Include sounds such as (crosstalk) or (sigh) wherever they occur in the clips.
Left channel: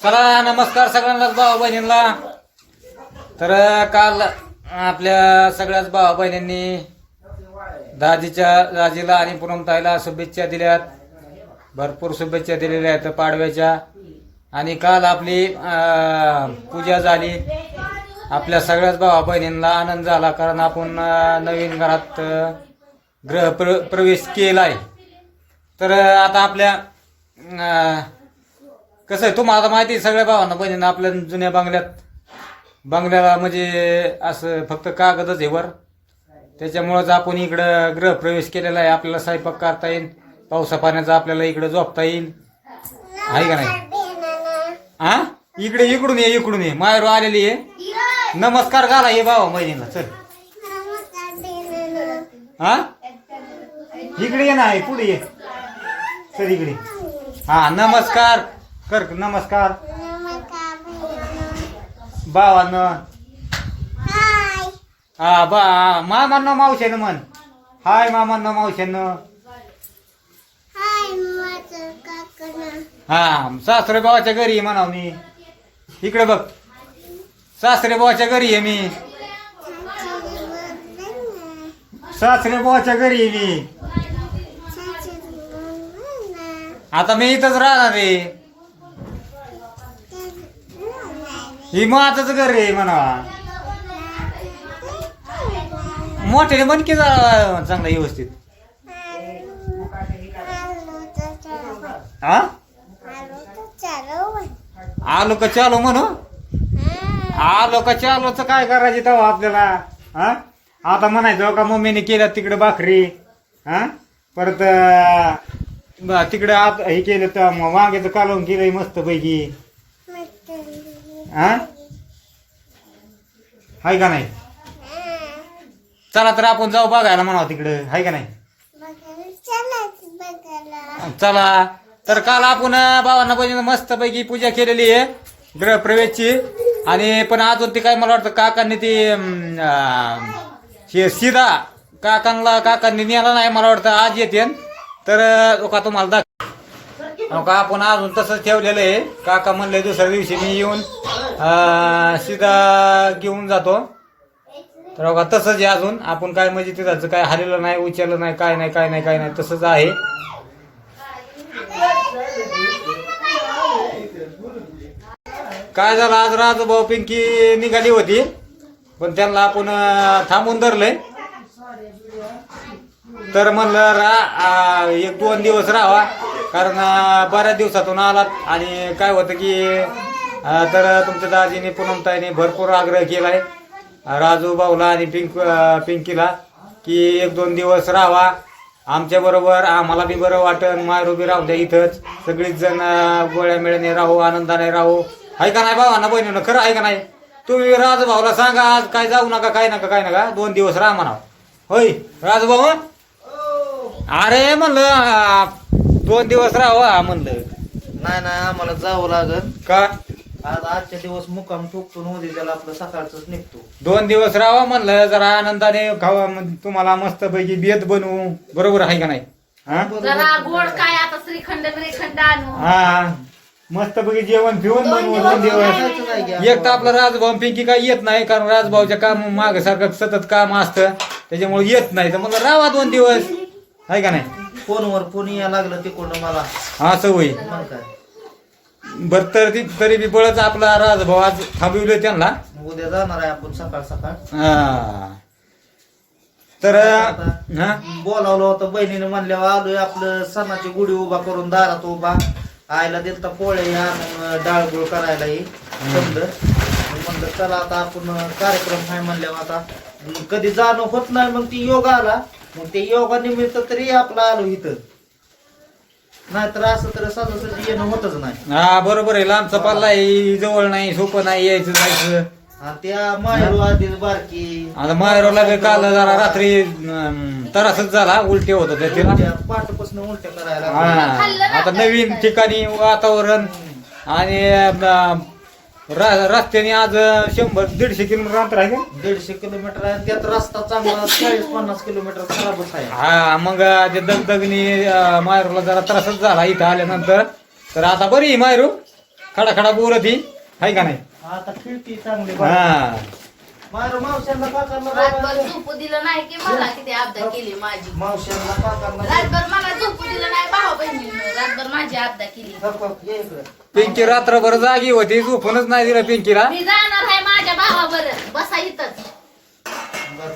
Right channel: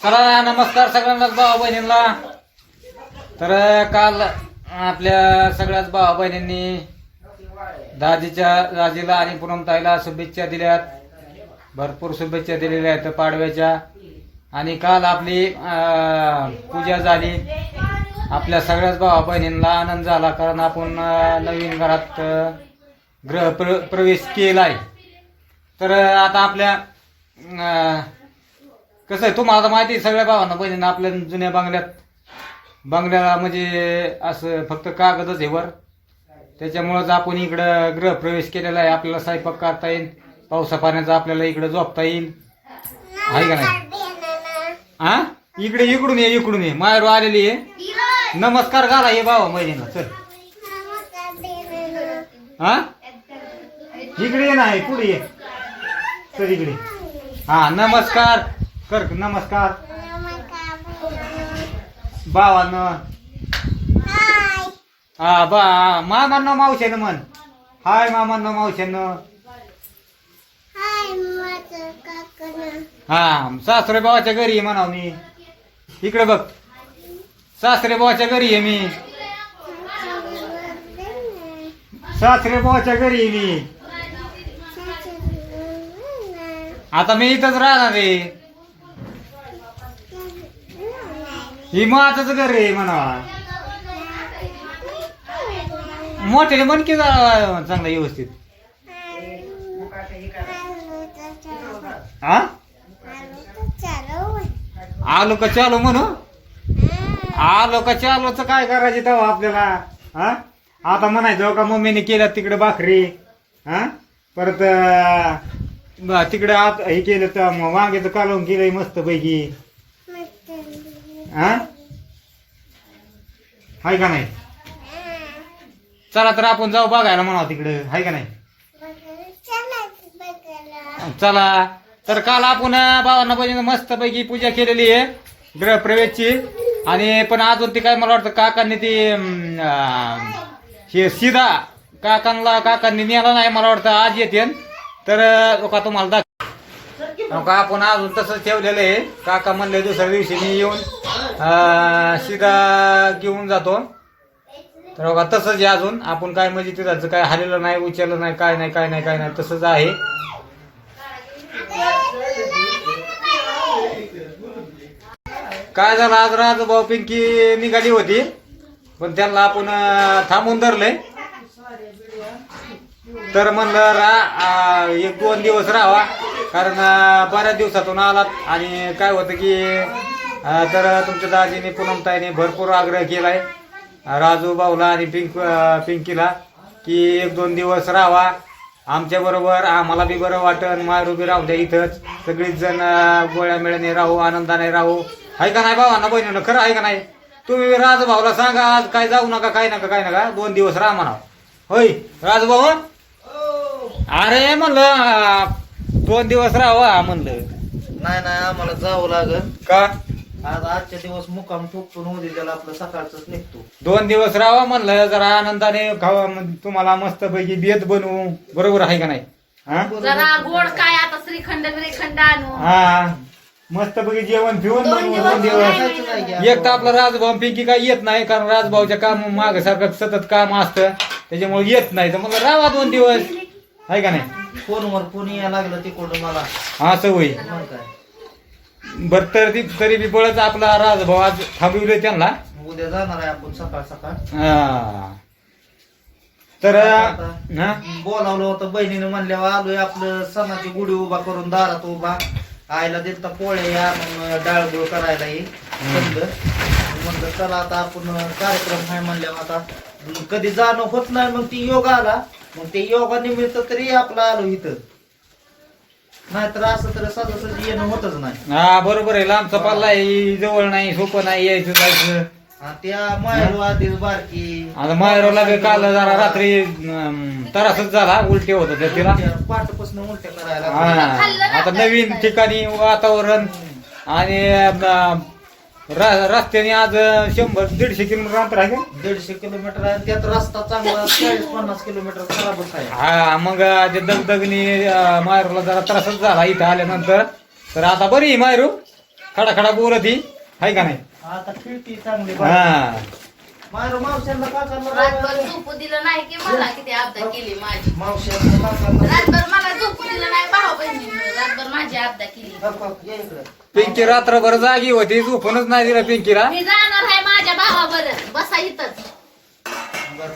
चला नमस्कार सगळ्यांनाच भाऊ बहिणींना. तर काल आपल्या सगळ्याच भावा बहिणींनी दाजीच्या दाजीला आणि पुनमताईला शुभेच्छा दिल्यात. भरपूर शुभेच्छा दिलेल्या आहेत पाडव्याच्या. आणि काल आपली पूजा झाली. आपल्या सगळ्याच भावा बहिणींना आनंद झाला कारण आपण नवीन घरात ग्रह प्र प्रवेश केला आहे तर आता आपल्या कसं आहे तुम्हाला आता माहिती आहे सगळ्या भावांना बहिणींना आपल्या जुन्या बंगल्यात बंगल्याला म्हणजे असं फक्त कागदच आहे वर. त्याच्यामुळंच आपण इकडं गृहप्रवेश केलेला आहे आपल्याला स्वयंपाक करता येईल पावसा पाण्याचा आपल्याला इकडं झोपता येईल. आहे का नाही? हा इकडे इकडून ये इकडून ये. माहेर आलेली आहे. नमस्कार घाला ये बाबा महिनीला चल. हा इकडे ये ना पुढे ये. चल इकडे. हा नमस्कार. कर नमस्कार. भावांनो हा बा मामांनो मावशानं म्हण. हाय मामांनो मावशानं हा सासरे भावाच्या घरी आहे म्हणाव मी. इकडे बघ. सासरे भावाच्या घरी आहे मी. सासरे भावाच्या घरी आहे मी. आता मी इथंच राहणार आहे. ही माताच घर आहे म्हणा. मोठ्याने म्हण की जरा चांगला व्यवस्थित. हा आलो का चालो म्हणू? आलो का चालो तर काय करायचे तेव्हा आपल्याला? हा आता म्हणायचं हो का मम्मीने केल्या तिकडे भाकरी. हा परत तिकडे आत हे केलं तर मग वांग्याचं कालवून केलंय मस्त पैकी हाय का नाही? चला तर आपण जाऊ बघायला म्हणावं तिकडं. हाय का नाही? चला. तर काल आपण बाबांना भावांना बहिणीनं मस्त पैकी पूजा केलेली आहे गृहप्रवेशची. आणि पण अजून ती काय मला वाटतं काकांनी ती हे सीधा काकांना काकांनी नेला नाही मला वाटतं आज येते. तर का तुम्हाला दाख का आपण अजून तसंच ठेवलेलं आहे? काका म्हणले दुसऱ्या दिवशी मी येऊन सीधा घेऊन जातो. तर बघा तसंच आहे अजून. आपण काय म्हणजे तिथं काय हलेलं नाही उचललं नाही काय नाही काय नाही काय नाही तसंच आहे. काय झालं? आज राजभाऊ पिंकी निघाली होती. पण त्यांना आपण थांबून धरलंय. तर म्हणलं रा एक दोन दिवस राहावा. कारण बऱ्याच दिवसातून आलात आणि काय होतं की अं, तर तुमच्या दाजीने पूनमताईने भरपूर आग्रह केलाय. राजू भाऊला आणि पिंक अं, पिंकीला की एक दोन दिवस राहावा आमच्या बरोबर आम्हाला बी बरं वाटन मायरू बी राहू द्या इथंच. सगळीच जण अं, गोळ्या मिळणे राहू आनंदाने राहू. आहे का नाही भावांना बहिणीनं? खरं आहे का नाही? तुम्ही राजभाऊला सांगा आज काय जाऊ नका काय नका काय नका. दोन दिवस राहा म्हणा होय राजभाऊ अरे म्हणलं दोन दिवस राहावा म्हणलं. नाही नाही आम्हाला जावं लागल का? आज आजच्या दिवस मुक्काम ठोकतो उद्या त्याला आपलं सकाळच निघतो. दोन दिवस राहावा म्हणलं जरा आनंदाने खावा म्हणजे तुम्हाला मस्त पैकी बेत बनवू. बरोबर आहे का नाही? हा? जरा गोड काय आता श्रीखंड श्रीखंड आणू. हा मस्त पैकी जेवण पिऊन बनवू दोन दिवस. एक तर आपला राजभाऊ पिंकी काय येत नाही कारण राजभाऊच्या काम माग सारखं सतत काम असतं. त्याच्यामुळे येत नाही. तर मला राहा दोन दिवस. आहे का नाही? फोनवर फोन यायला लागलं तिकडून मला. असं होईल मग काय? बर तर ती तरी बी बळच आपला राजभाऊ आज थांबविलोय त्यांना. उद्या जाणार आहे आपण सकाळ सकाळ. हा. तर हा? बोलावलं होतं बहिणीनं म्हणल्यावर आलोय आपलं सणाची गुढी उभा करून दारात उभा. आईला देत पोळे या मग डाळ गुळ करायला ये. मग म्हणलं चला आता आपण कार्यक्रम आहे म्हणल्यावर आता कधी जाणं होत नाही मग ती योगा आला. मग ते योगा निमित्त तरी आपला आलो इथं. नाहीतर असं तर सहजासहजी येणं होतच नाही. हा बरोबर आहे. लांबचा पल्ला आहे जवळ नाही सोपं नाही यायचं जायचं. आणि त्या माहेर आधीच बारकी. आता माहेरला बी काल जरा रात्री अं, त्रासच झाला उलटी होत होत्या तिला. पाठपासून उलट्या करायला. हा आता नवीन ठिकाणी वातावरण आणि अं, र- रस्त्याने आज शंभर दीडशे किलोमीटर अंतर आहे का? दीडशे किलोमीटर आहे. त्यात रस्ता चांगला चाळीस पन्नास किलोमीटर खराबच आहे. हा मग ते दगदगनी मायरूला जरा त्रासच झाला इथं आल्यानंतर. तर आता बरी आहे मायरू खडा खडा बोलत ही हाय का नाही? आता खिडकी चांगली हा. मारो मावशांना काकांना रातभर बाळाला- झोपू दिलं नाही की मला किती अब्दा केली माझी. मावशांना काकांना रातभर मला झोपू दिलं नाही भाऊ बहिणीनं रातभर माझी अब्दा केली. गप गप ये इकडं. पिंकी रात्रभर जागी होती झोपूनच नाही दिलं पिंकीला. मी जाणार आहे माझ्या भावावर. बसा इथंच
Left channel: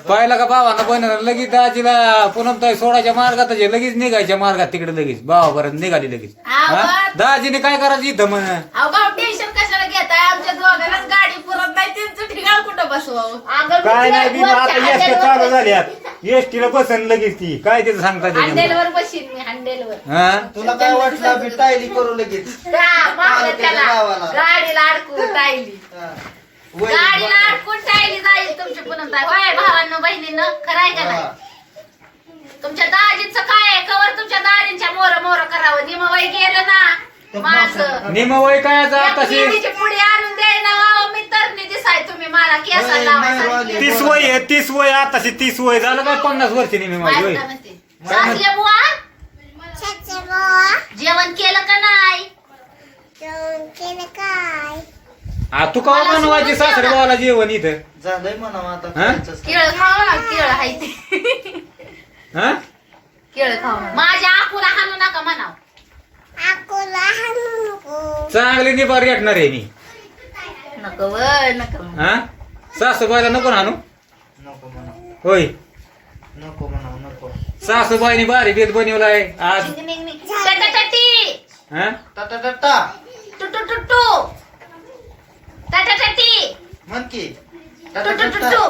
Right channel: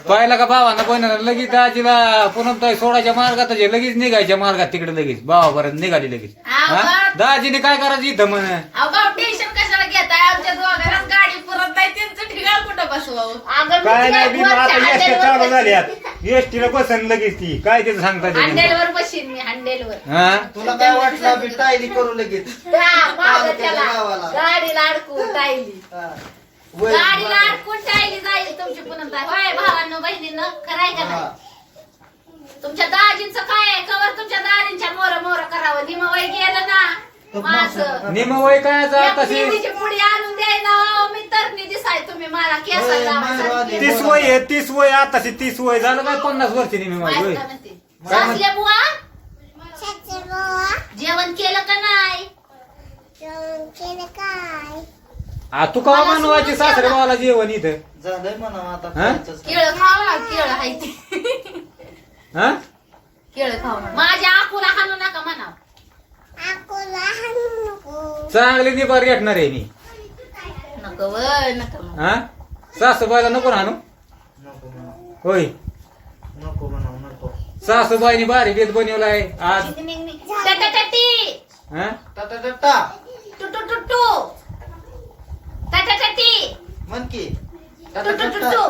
पाहिलं का भावानं पण लगेच दाजीला पुन्हा ताई सोडायच्या मार्गात आहे, लगेच निघायच्या मार्गात तिकडे लगेच. भावापर्यंत निघाली लगेच. हा? दाजीने काय करायचं इथं म्हण? अहो भाऊ टेन्शन कशाला घेताय? आमच्या पुरत नाही त्यांचं ठिकाण कुठं बसवावं अगं मी काय नाही आता एसटी चालू. झाल्यात एसटीला बसन लगेच ती. काय ते सांगता हँडलवर बशीन मी हँडलवर हा? तुला काय वाटलं आम्ही टायली करू लगेच? त्याला. गावाला. गाडीला अडकून टायली. हा. वय- गाडीला अडकून टायली जाईल तुमची पुन्हा ताई. होय भावांनो बहिणीनं खराय का नाही? हा. तुमच्या दाजीचं काय आहे? कवर तुमच्या दाजींच्या मोर मोर करावं. निम वय गेलं ना. माझं. निम वय काय आता तशी? मेहंदीची पुडी आणून द्याय ना मी तरणी दिसाय तुम्ही मला केसाला होय, लावायला नाही, तीस वय आहे, तीस वय आताशी तीस वय झालं काय पन्नास वर्ष निमी माझी वय सासले बुवा? जेवण केलं का नाही? आ, तू का बनवायची सासरे भावाला जेवण इथं? झालंय म्हणा आता हा? केळ खाऊ ना केळ हाय ते. हा? केळ खाऊ माझ्या आकुला हाणू नका म्हणाव. चांगली निभार घेतणार आहे मी नको व नको. हा सासूबाईला नको ना आणू नको म्हणा होय नको म्हणा नको सासूबाईनी भारी बेत बनवलाय आज निंग, निंग, निंग. टटाटटी. हा टाटा टाटा टू टू टू टू. टटाटटी. म्हण की टू टाटा टू टू टाटा टू.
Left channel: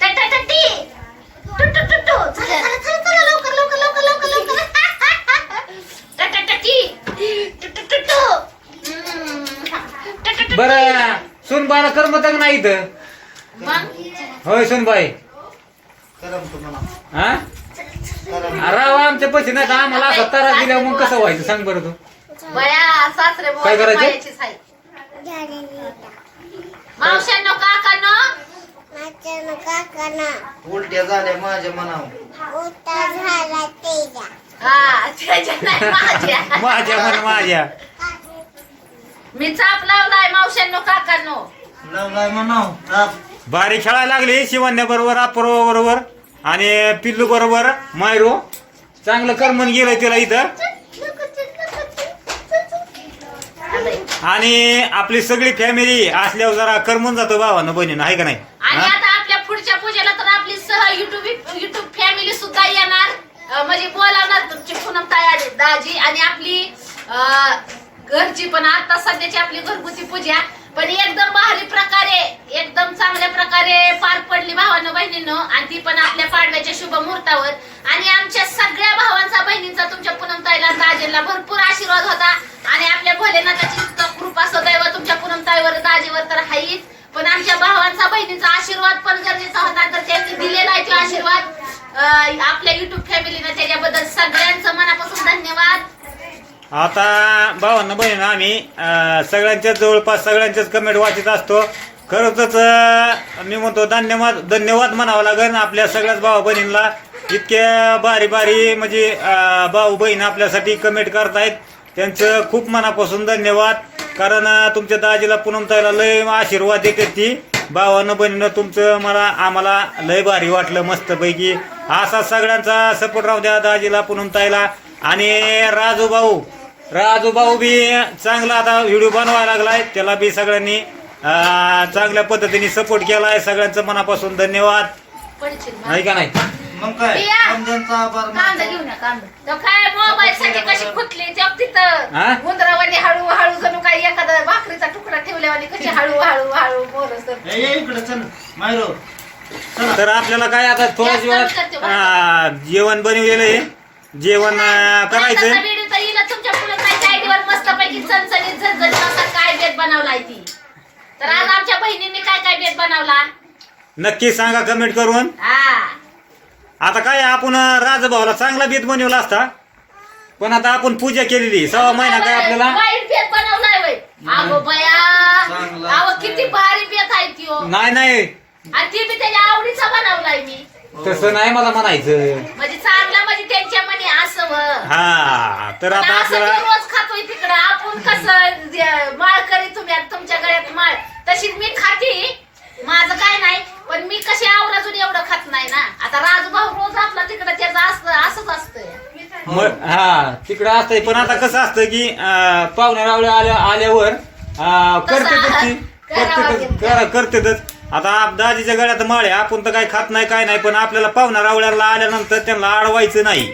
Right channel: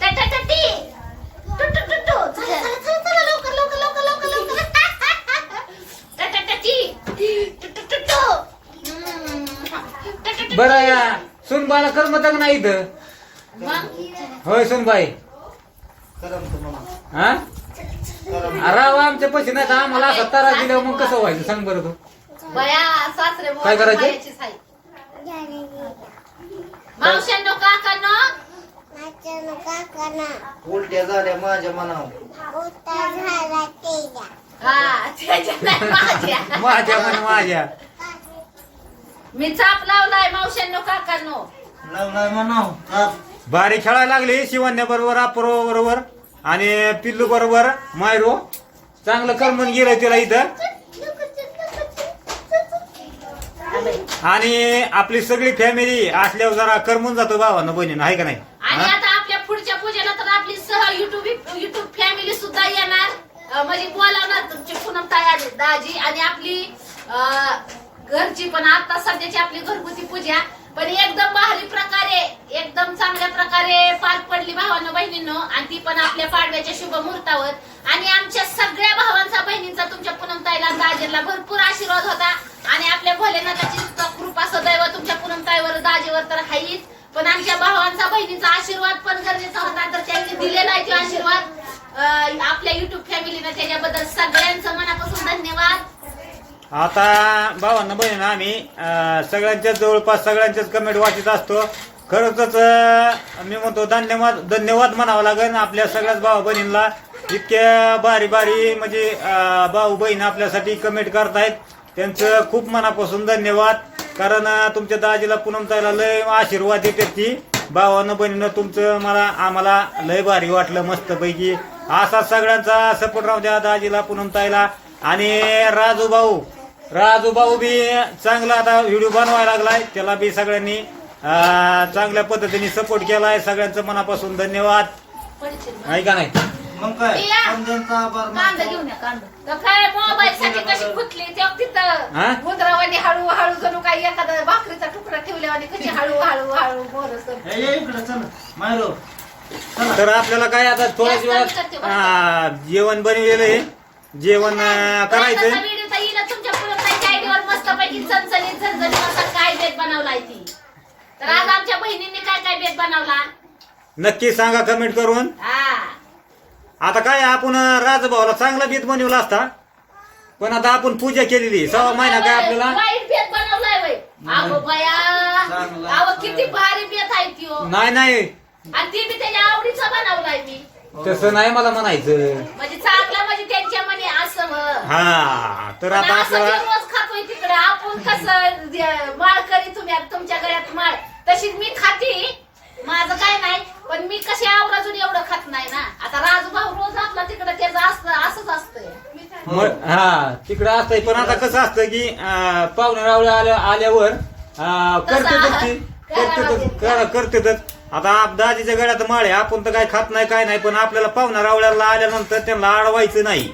टटाटटी. टू टू टू टू. चला, चला, चला, चला, लवकर, लवकर, लवकर, लवकर, लवकर. (laughs) बर सुनबाईला करमत नाही इथं. होय सुनबाई. करम तू म्हणा हा करम राव आमच्या पैसे नाही तर आम्हाला असं तारा दिल्या मग कसं व्हायचं? सांग बरं तू. काय करायचं? मावशांनो काकांनो. उलट्या झाल्या माझ्या मनावर. हा त्याच्या नाही माझ्या. माझ्या म्हण माझ्या. मी चाप लावलाय मावशांनो काकांनो. लावलाय म्हणाव ताप. भारी खेळायला लागली शिवण्या बरोबर अपूर्व बरोबर आणि पिल्लू बरोबर मायरो. चांगलं करमन गेलं तिला इथं. आणि आपली सगळी फॅमिली असल्यावर जरा करमून जातो भावानं बहिणीनं आहे का नाही? आणि हा? आता आपल्या पुढच्या पूजेला तर आपली सह युट्यूब युट्यूब फॅमिली सुद्धा येणार. म्हणजे बोलावणार तुमची पूनम ताई दाजी आणि आपली घरची पण आता सध्याची आपली घरगुती पूजा. पण एकदम भारी प्रकारे एकदम चांगल्या प्रकारे पार पडली भावानं बहिणीनं आणि ती पण आपल्या पाडव्याच्या शुभ मुहूर्तावर. आणि आमच्या सगळ्या भावांचा बहिणींचा तुमच्या पूनम ताईला भरपूर आशीर्वाद होता. आणि आपल्या भोलेनाथाची कृपा सदैव तुमच्या पूनम ताईवर तर हाईच पण आमच्या भावांचा बहिणीचा आशीर्वाद पण गरजेचा होता. तर त्यांनी दिलेला आहे तो आशीर्वाद. आपल्या युट्यूब फॅमिलीनं त्याच्याबद्दल सगळ्यांचं मनापासून धन्यवाद. आता भावांना बहीण आम्ही. सगळ्यांच्याच जवळपास सगळ्यांच्याच कमेंट वाचत असतो. खरंच मी म्हणतो धन्यवाद धन्यवाद म्हणावं लागेल आपल्या सगळ्याच भाऊ बहिणींना. इतक्या बारी बारी म्हणजे भाऊ बहीण आपल्यासाठी कमेंट करतायत. त्यांचं खूप मनापासून धन्यवाद. कारण तुमच्या दाजीला पुनम ताईला लय आशीर्वाद देते ती. भावानं बहिणीनं तुमचं मला आम्हाला लय भारी वाटलं मस्तपैकी. असा सगळ्यांचा सपोर्ट राहू द्या दाजीला पुनम ताईला. आणि राजू भाऊ राजू भाऊ बी चांगला आता व्हिडिओ बनवायला लागलाय. त्याला बी सगळ्यांनी चांगल्या पद्धतीने सपोर्ट केलाय. सगळ्यांचं मनापासून धन्यवाद. नाही का नाही? मग काय. समजांचा आभार कांदा. घेऊन या कांदा. तो काय मोबाईल साठी कशी फुटली? तेव्हा हा? तिथं मुद्रावानी हळू हळू जणू काही एखादा भाकरीचा तुकडा ठेवल्यावानी कशी (laughs) हळू हळू ए, ये इकडे चल. मायरो चला. तर आपल्याला काय आता जास्त करते बरं. अं, जेवण बनवलेलं आहे. जेवण अं, करायचं येईल तुमच्यापुढे. चणचणीत झणझणीत असा काय बेत बनवलाय ती? तर आज आमच्या बहिणींनी काय काय बेत बनवला? नक्की सांगा कमेंट करून. हा. आता काय आपण राजभाऊला चांगला बेत बनवला असता. पण आता आपण पूजा केलेली सहा महिना काय आपल्याला? वाईट बेत बनवलाय वय अगो बया चांगला. अहो किती भारी बेत आहे ती हो. नाही नाही. आणि ती बी त्याच्या आवडीचा बनवलाय मी. तसं नाही मला म्हणायचं. म्हणजे चांगलं म्हणजे त्यांच्या मने असावं हा तर पण आता असं आपल्याला रोज खातोय तिकडं. आपण कसं जे- माळ करी तुम्ही आता तुमच्या गळ्यात माळ. तशीच मी खाते. माझं काय नाही पण मी कशी आवराजून एवढं खात नाही ना. आता राजभाऊ रोज आपला तिकडं त्याचं असतं असंच असतंय. मग- हा तिकडं असतंय पण आता कसं असतं की अं, पाहुण्या रावळ्या आल्या आल्यावर अं, करतेतच ती करावं करतेतच लागेल. कर- करतेतच आता आप- दाजीच्या गळ्यात माळे आपण तर काही खात नाही काय नाही पण आपल्याला पाहुण्या रावळ्याला आल्यानंतर त्यांना अडवायचं नाही.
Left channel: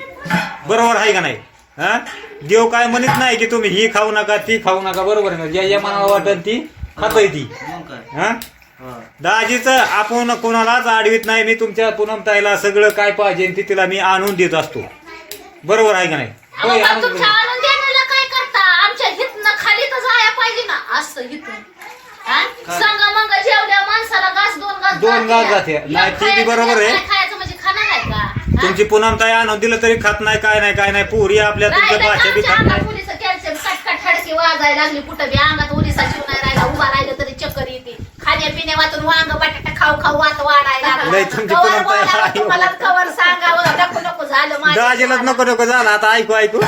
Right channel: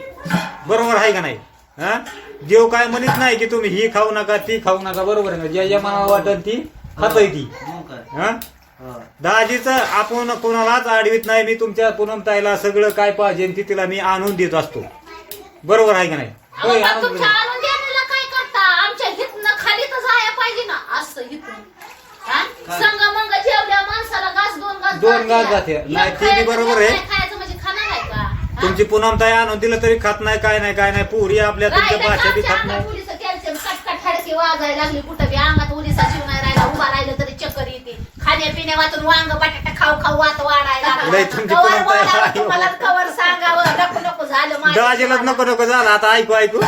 बरोबर आहे का नाही? हा? देव काय म्हणत नाही की तुम्ही ही खाऊ नका ती खाऊ नका बरोबर आहे ना? ज्या या मनाला वाटत ती खातोय ती. मग काय? हा. दाजीच आपण कोणालाच आडवीत नाही मी तुमच्या पूनमताईला सगळं काय पाहिजे ते तिला मी आणून देत असतो बरोबर आहे का नाही अहो, होय, पण आणून तुमच्या देतो. आणून देण्याला काय करता आमच्या हितनं खाली तर जाया पाहिजे ना असं हिथून हा? काय? संग मग जेवल्या माणसाला घास दोन घास दोन घास जाते. एक नाही, ते बी खायचं, बरोबर एक आहे. नाही खायचं म्हणजे खाणार आहे का हा? तुमची पूनमताई आणून दिलं तरी खात नाही काय नाही काय नाही पुरी आपल्या तुमच्या राहिलं भाषा बी का खात नाही कॅल्शियम कटकट वाजायला लागली कुठं बी अंगात उलिसा शिव नाही राहिला उभा राहिलं तरी चक्कर येते. खाण्या पिण्या वाचून वांग बटाटा खाऊ खाऊ वात वाढायला नाही, तुमची कवर परंपरा वाढावं आहे. तुम्हाला कवर सांगावं नको नको झालं माझ्या दाजीलाच नको नको झालं. आता ऐकू ऐकू.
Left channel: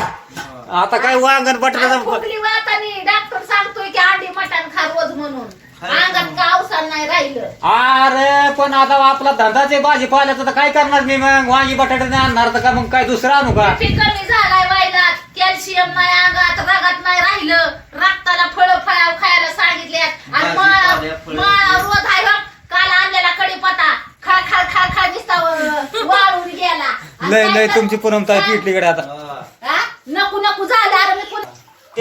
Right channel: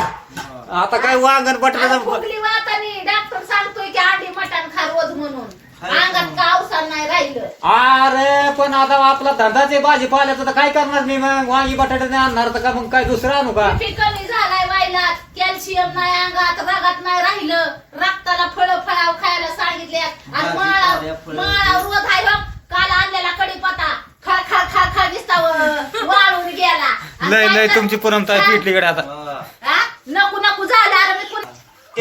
आता काय वांगण बटाटा फुगली वातानी डॉक्टर सांगतोय की अंडी मटण खा रोज म्हणून. अंगात म्हणून. कावसाल नाही राहिलं. अरे पण आता आपला धंदाचे भाजीपाल्याचं तर काय करणार मी मग? वांगी बटाटे नाही आणणार तर का मग काय दुसरं आणू का कमी झालाय वाईलात कॅल्शियम नाही अंगात रगात नाही राहिलं. रक्ताला फळ फळाव खायला सांगितले आणि भाजी, माळा पाल्या, फळं. माळा रोज आहे हो. काल आणलेला कडीपत्ता खा खा खा खा दिसता वाळून गेला. आणि लय लय तुमची पूनमताई पिटलीकडे आता हा. हा? नको नको झालं अरे मी कोण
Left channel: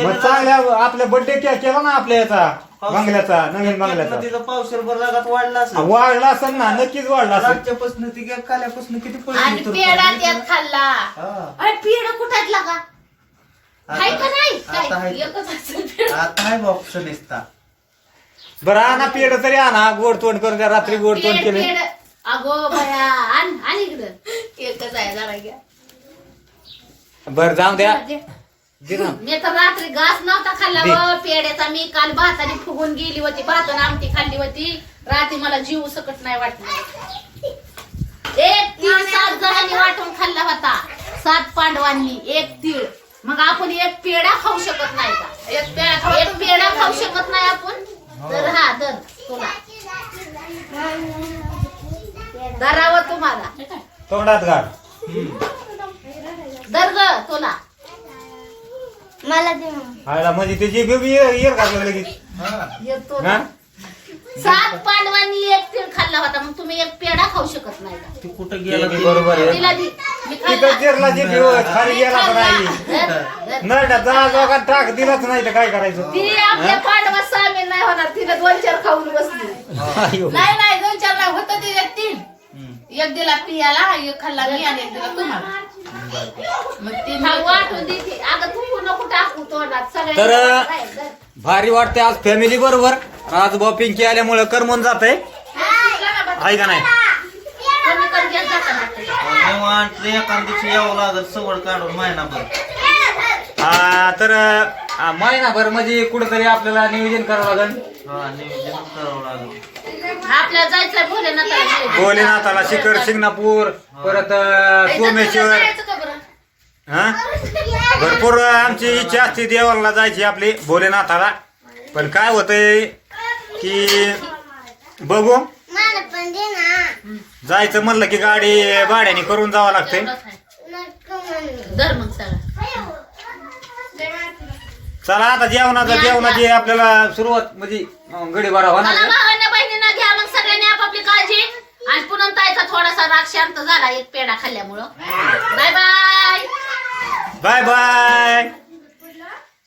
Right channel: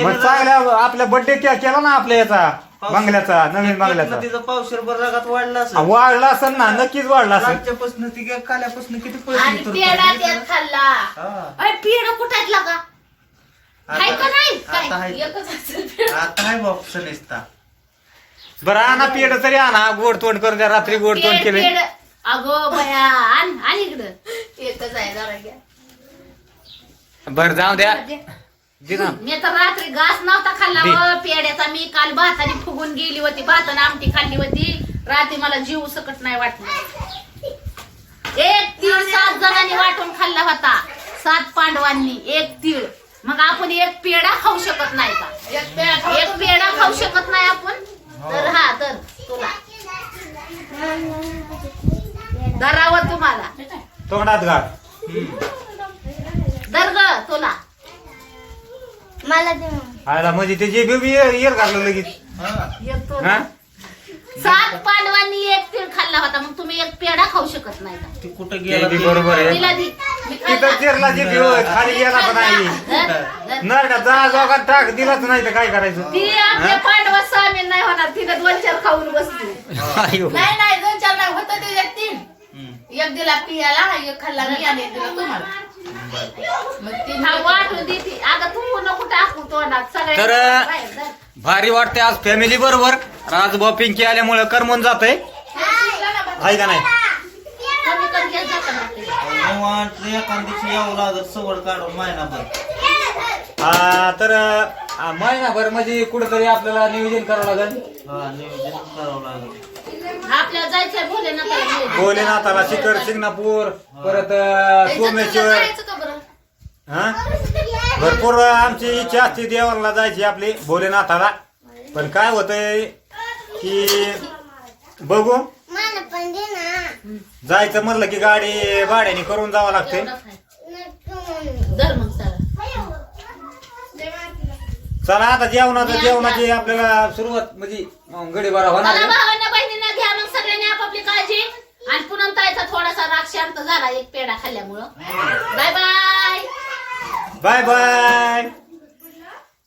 मग चांगल्या आपल्या बर्थडे केला ना आपल्या याचा बंगल्याचा नवीन बंगल्याचा. तिचं पावशेर भर रागात वाढला असेल. वाढला असेल ना नक्कीच वाढला असेल. रातच्यापासून ती काल्यापासून किती आणि पैसे पेढा त्यात खाल्ला. हा. अरे पेढा कुठातला का हाय का नाही? आता काय? हाय. एकच असेल पेढा. आता आहे बॉक्स निसता बरं आणा पेड तरी आणा. गोड तोंड करून द्या. रात्री गोड तोंड पेढ- केले. पेढ. अगो बया आण आण इकडं. एकच आहे जरा घ्या. बर जाऊ द्या. मी तर रात्री घास नव्हता खाल्ला दे. व पेड्याचा मी काल भाताने फुगून गेली होती भाताने आमटी खाल्ली होती. रात्री मला जीव सकट नाही वाटलं. एक तीळ सात जणांनी वाटून खाल्ला होता सात पांडवांनी एक तीळ. मग आपण एक पेढा खाऊ शकत नाही का? एक पेढा खाऊ शकत नाही. आपण? तर हा तर तुला. धरावं तुम्हाला. तोंडात घाल. दर ग तुला. मला दे आयला म्हणजे त्याची बेबी येर घाललं लगेच हा. येतो हा ना. सात पांडवांनी एक तीळ खाल्ला होता मग तुम्ही एक पेढा खाऊ शकत नाही का ती कुठं ते बी ती? बरोबर आहे तिला दि- मी तिथं खाल्ला. चिरला जे घेऊ खाली गेला तर नाही धर, धर. नरडा जा जोगात टाक दिलाच नाही तर काय करायचं ती आपल्या पांडवात सामील नाही होणार तिने दोन चार खाऊन बसली आयो. नाही नाही दोन चार नाही होतं त्याच्यात तीन हम्म. एक दिला पियाला एक खाल्ला मी आणि एक दिला तुम्हाला मग तीन हा वाटून देते अगं तू नको टाकू तोंडात. तर- सगळ्या भारी वाटते आज फॅमिली बरोबर. राजभाऊ पिंकी आल्यामुळे करमून जात आहे का नाही? कमी कमी. निवांत दिवशी यावं लागत सवड काढून महिनाभर आ, तर आ, महिनाभर म्हणजे कुठेतरी आपल्याला नियोजन करावं लागेल. हा नियोजन करावं लागत आपल्याला जायचं भोलेनाथाला भोलेनाथाला शिखर शिंगणापूर परत अ, सोमेश्वर. जायचं का बरं? हा? भरपूर आमची इच्छा असते देवाला जायची आपली भोलेनाथाला. पण काय होतंय की बघू. मला पण दे ना. जायचं म्हणलं की गाडी भाड्याने करून जावं लागते. नको म्हणू. धर मग सगळं चला आता जेवणाचं जेवणाची आपल्याला सुरुवात म्हणजे गडी बरा होणार. भावांना बहिणींना घ्या मग सगळ्यांनी आपापली काळजी. आणि पुन्हा ताईचा थोडासा राग शांत झाला एक पेढा खाल्ल्यामुळं. Bye bye bye bye